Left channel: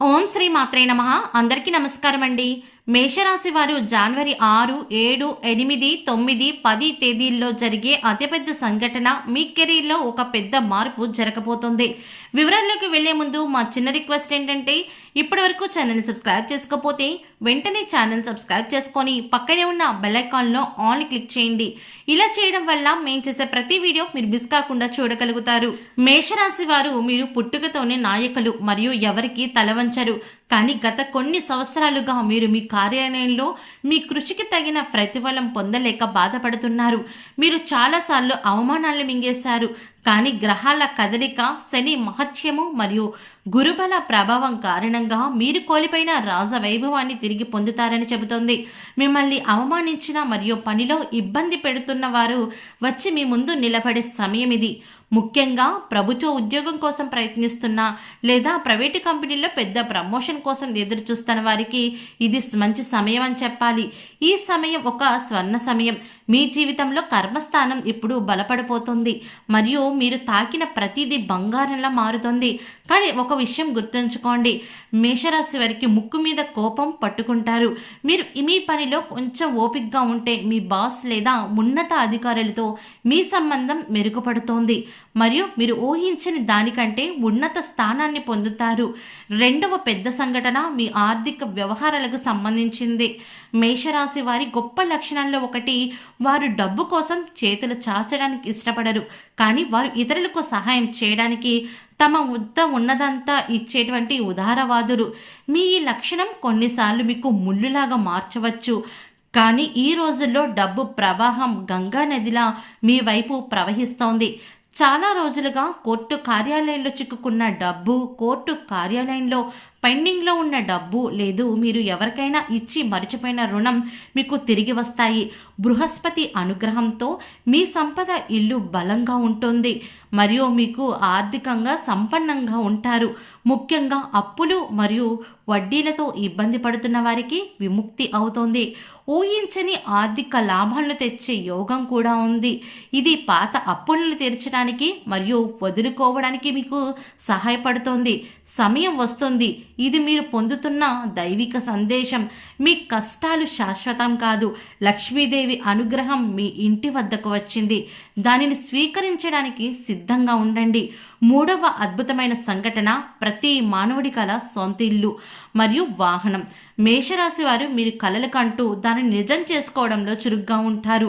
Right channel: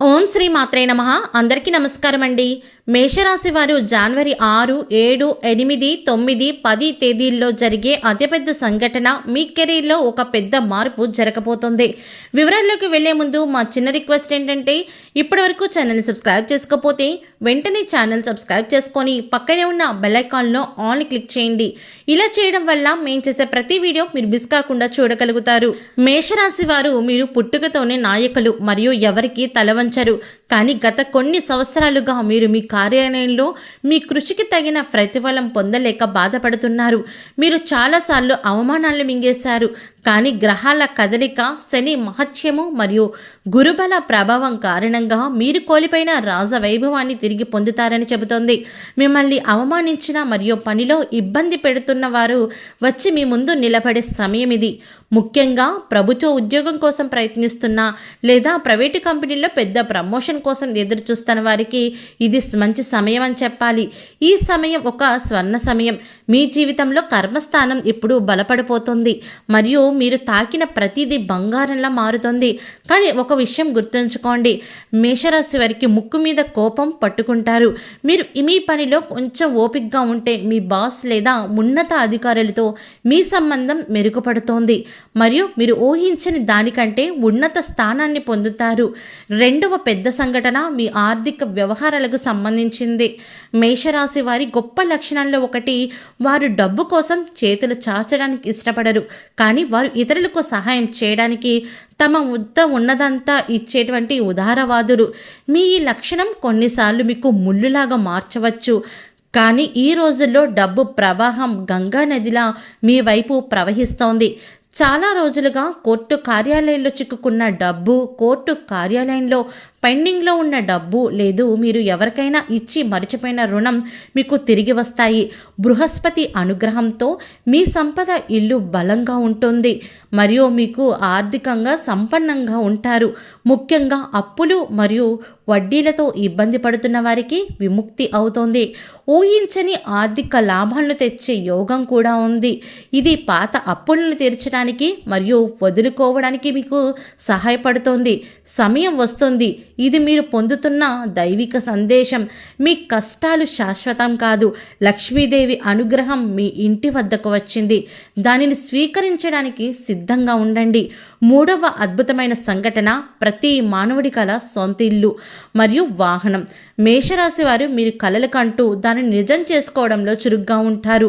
ఓం శ్రీ మాత్రే నమః. అందరికీ నమస్కారం అండి. మేషరాశి వారు జనవరి 6, 7, 8, 9, 10 తేదీల్లో జరిగే అతిపెద్ద సంఘటన మీ కెరీర్లో ఒక పెద్ద మార్పు జరగబోతోంది. వివరాల్లోకి వెళ్లే ముందు మా చిన్న రిక్వెస్ట్ ఏంటంటే ఇప్పటివరకు ఛానల్ని సబ్స్క్రైబ్ చేసుకోకపోతే వెంటనే ఛానల్ సబ్స్క్రైబ్ చేసుకొని పక్కనే ఉన్న బెల్ ఐకాన్లో ఆల్ క్లిక్ చేయండి. ఇలా చేయడం వల్ల మేము చేసే ప్రతి వీడియో మీరు మిస్ కాకుండా చూడగలుగుతారు. మేషరాశి వారు మీరు పుట్టుకతోనే నాయకులు మరియు ఎవరికి తలవంచరు. కానీ గత కొన్ని సంవత్సరాలుగా మీరు మీ కార్యాలయంలో మీ కృషికి తగిన ప్రతిఫలం పొందలేక బాధపడుతున్నారు. మీరు చాలాసార్లు అవమానాలు మింగేశారు. కానీ గ్రహాల కదలిక, శని మహత్యము మరియు గురుబల ప్రభావం కారణంగా మీరు కోల్పోయిన రాజవైభవాన్ని తిరిగి పొందుతారని చెబుతోంది. మిమ్మల్ని అవమానించిన మరియు పనిలో ఇబ్బంది పెడుతున్న వారు వచ్చి మీ ముందు నిలబడే సమయం ఇది. ముఖ్యంగా ప్రభుత్వ ఉద్యోగం కోసం ప్రయత్నిస్తున్న లేదా ప్రైవేటు కంపెనీల్లో పెద్ద ప్రమోషన్ కోసం ఎదురు చూస్తున్న వారికి ఇది మంచి సమయం అని చెప్పాలి. ఈ సమయం ఒక స్వర్ణ సమయం. మీ జీవితంలో కర్మస్థానం ఇప్పుడు బలపడిపోతుంది మరియు మీరు తాకిన ప్రతిదీ బంగారంలా మారుతుంది. కానీ ఒక విషయం గుర్తుంచుకోండి, మేషరాశి వారికి ముక్కు మీద కోపం పట్టుకుంటారు. మీరు మీ పనిలో కొంచెం ఓపికగా ఉంటే మీ బాస్ లేదా ఉన్నత అధికారులతో మీ సంబంధం మెరుగుపడుతోంది మరియు మీరు ఊహించని దానికంటే ఉన్నత స్థానాన్ని పొందుతారు. రెండవ పెద్ద సంఘటన మీ ఆర్థిక వ్యవహారాలకు సంబంధించింది. మేషరాశి వారి గొప్ప లక్షణాల్లో ఒకటి, వారు డబ్బు కోసం చేతులు చాచడానికి ఇష్టపడరు. కానీ వారు ఇతరులకు సహాయం చేయడానికి తమ వద్ద ఉన్నదంతా ఇచ్చేటువంటి ఉదారవాదులు. మీ ఈ లక్షణం కొన్నిసార్లు మీకు ముళ్ళులాగా మార్చవచ్చు. కానీ ఈ రోజుల్లో డబ్బు ప్రవాహం గంగా నదిలా మీ వైపు ప్రవహిస్తోంది. చాలా రోజులుగా కోర్టు కార్యాలయంలో చిక్కుకున్న డబ్బు, కోర్టు కార్యాలయంలో పెండింగ్లో ఉన్న డబ్బు లేదు మీరు ఎవరికైనా ఇచ్చి మరిచిపోయిన రుణం మీకు తిరిగి వస్తాయి. బృహస్పతి అనుగ్రహంతో మీ సంపద ఇల్లు బలంగా ఉంటుంది మరియు మీకు ఆర్థికంగా సంపన్నంగా ఉంటారు. ముఖ్యంగా అప్పులు మరియు వడ్డీలతో ఇబ్బంది పడుతున్న వారికి విముక్తి అవుతోంది. ఊహించని ఆర్థిక లాభాలను తెచ్చే యోగం కూడా ఉంది. ఇది పాత అప్పులను తీర్చడానికి మరియు వదులుకోవడానికి మీకు సహాయపడుతోంది. సమయం వస్తుంది, ఇది మీరు పొందుతున్న దైవిక సందేశం. మీ కష్టాలు శాశ్వతం కాదు. లక్ష్మీదేవి అనుగ్రహం మీ ఇంటి వద్దకు వచ్చింది. దానిని స్వీకరించడానికి సిద్ధంగా ఉండండి. మూడవ అద్భుతమైన సంఘటన, ప్రతి మానవుడి కల సొంత ఇల్లు మరియు వాహనం. మేషరాశి వారు మీరు కలలు కంటూ దానిని నిజం చేసుకోవడంలో చురుగ్గా ఉంటారు.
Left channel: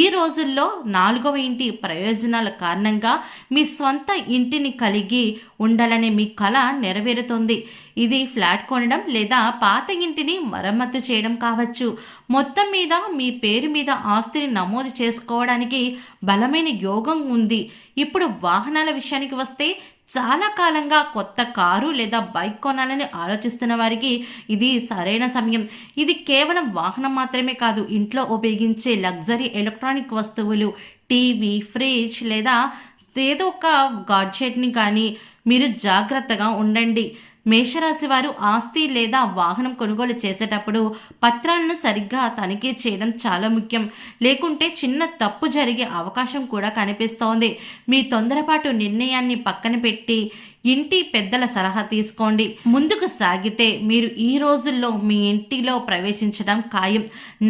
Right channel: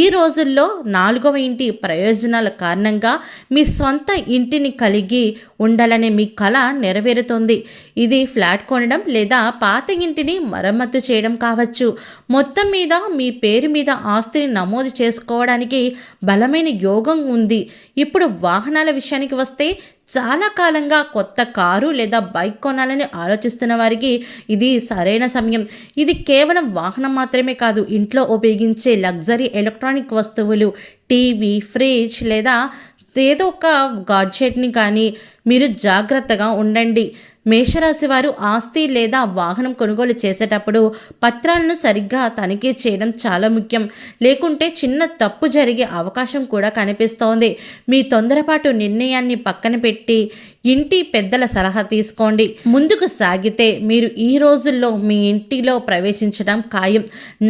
ఈ రోజుల్లో 4వ ఇంటి ప్రయోజనాల కారణంగా మీ సొంత ఇంటిని కలిగి ఉండాలనే మీ కళ నెరవేరుతుంది. ఇది ఫ్లాట్ కొనడం లేదా పాత ఇంటిని మరమ్మతు చేయడం కావచ్చు. మొత్తం మీద మీ పేరు మీద ఆస్తిని నమోదు చేసుకోవడానికి బలమైన యోగం ఉంది. ఇప్పుడు వాహనాల విషయానికి వస్తే, చాలా కాలంగా కొత్త కారు లేదా బైక్ కొనాలని ఆలోచిస్తున్న వారికి ఇది సరైన సమయం. ఇది కేవలం వాహనం మాత్రమే కాదు, ఇంట్లో ఉపయోగించే లగ్జరీ ఎలక్ట్రానిక్ వస్తువులు, టీవీ, ఫ్రిడ్జ్ లేదా ఏదో ఒక గాడ్జెట్ని కానీ మీరు జాగ్రత్తగా ఉండండి. మేషరాశి వారు ఆస్తి లేదా వాహనం కొనుగోలు చేసేటప్పుడు పత్రాలను సరిగ్గా తనిఖీ చేయడం చాలా ముఖ్యం. లేకుంటే చిన్న తప్పు జరిగే అవకాశం కూడా కనిపిస్తోంది. మీ తొందరపాటు నిర్ణయాన్ని పక్కన పెట్టి ఇంటి పెద్దల సలహా తీసుకోండి. ముందుకు సాగితే మీరు ఈ రోజుల్లో మీ ఇంటిలో ప్రవేశించడం ఖాయం.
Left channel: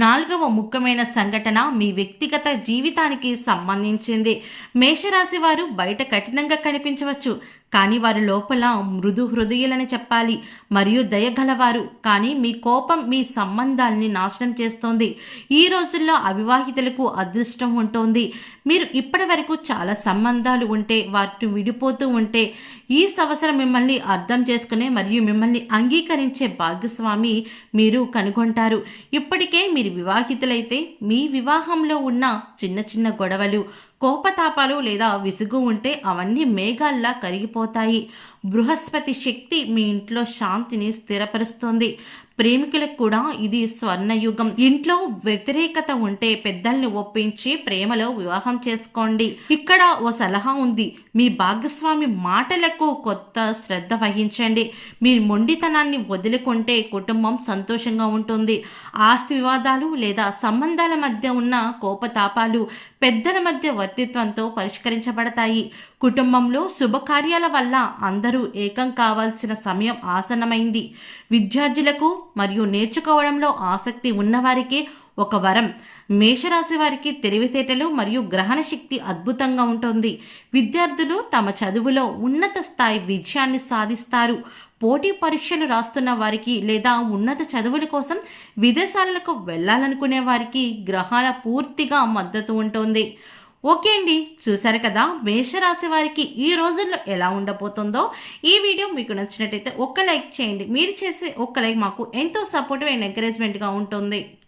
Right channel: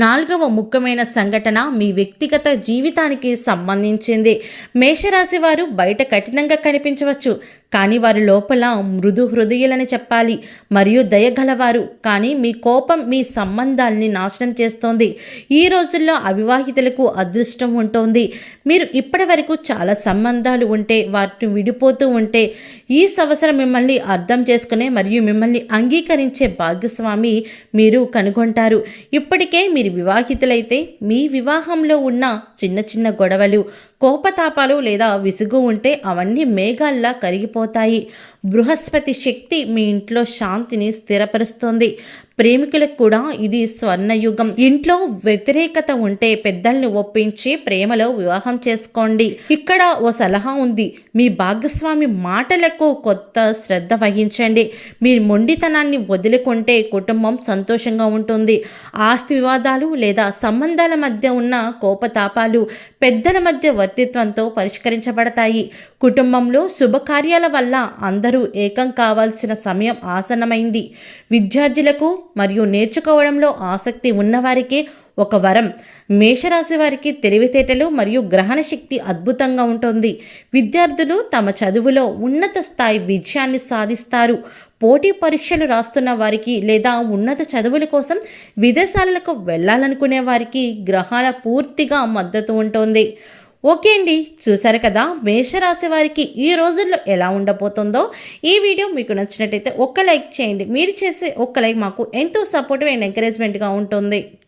4వ ముఖ్యమైన సంఘటన మీ వ్యక్తిగత జీవితానికి సంబంధించింది. మేషరాశి వారు బయట కఠినంగా కనిపించవచ్చు, కానీ వారి లోపల మృదు హృదయులని చెప్పాలి మరియు దయగలవారు. కానీ మీ కోపం మీ సంబంధాలని నాశనం చేస్తోంది. ఈ రోజుల్లో అవివాహితులకు అదృష్టం ఉంటుంది. మీరు ఇప్పటి వరకు చాలా సంబంధాలు ఉంటే వాటిని విడిపోతూ ఉంటే ఈ సంవత్సరం మిమ్మల్ని అర్థం చేసుకునే మరియు మిమ్మల్ని అంగీకరించే భాగస్వామి మీరు కనుగొంటారు. ఇప్పటికే మీరు వివాహితులైతే మీ వివాహంలో ఉన్న చిన్న చిన్న గొడవలు, కోపతాపాలు లేదా విసుగు ఉంటే అవన్నీ మేఘాల్లా కరిగిపోతాయి. బృహస్పతి శక్తి మీ ఇంట్లో శాంతిని స్థిరపరుస్తుంది. ప్రేమికులకు కూడా ఇది స్వర్ణయుగం. ఇంట్లో వ్యతిరేకత ఉంటే పెద్దల్ని ఒప్పించి ప్రేమలో వివాహం చేసుకోండి. ఇక్కడ ఓ సలహా ఉంది, మీ భాగస్వామి మాటలకు కొత్త శ్రద్ధ వహించండి. మీ మొండితనాన్ని వదులుకుంటే కుటుంబం సంతోషంగా ఉంటుంది. ఆస్తి వివాదాలు లేదా సంబంధాల మధ్య ఉన్న కోపతాపాలు పెద్దల మధ్య వర్తిత్వంతో పరిష్కరించబడతాయి. కుటుంబంలో శుభకార్యాల వల్ల అందరూ ఏకం కావాల్సిన సమయం ఆసన్నమైంది. విద్యార్థులకు మరియు నేర్చుకోవడంలో ఆసక్తి ఉన్నవారికి ఒక వరం. మేషరాశి వారికి తెలివితేటలు మరియు గ్రహణ శక్తి అద్భుతంగా ఉంటుంది. విద్యార్థులు తమ చదువులో ఉన్నత స్థాయి విజయాన్ని సాధిస్తారు. పోటీ పరీక్షలు రాస్తున్న వారికి లేదా ఉన్నత చదువుల కోసం విదేశాలకు వెళ్ళాలనుకునే వారికి గ్రహాల పూర్తిగా మద్దతు ఉంటుంది. ఓకే అండి, చూసారు కదా మేషరాశి వారికి ఈ రోజుల్లో ఎలా ఉండబోతుందో. ఈ వీడియో మీకు నచ్చినట్టయితే ఒక్క లైక్ చేయండి. మీరు చేసే ఒక్క లైక్ మాకు ఎంతో సపోర్టివ్ అండ్ ఎంకరేజ్మెంట్గా ఉంటుంది.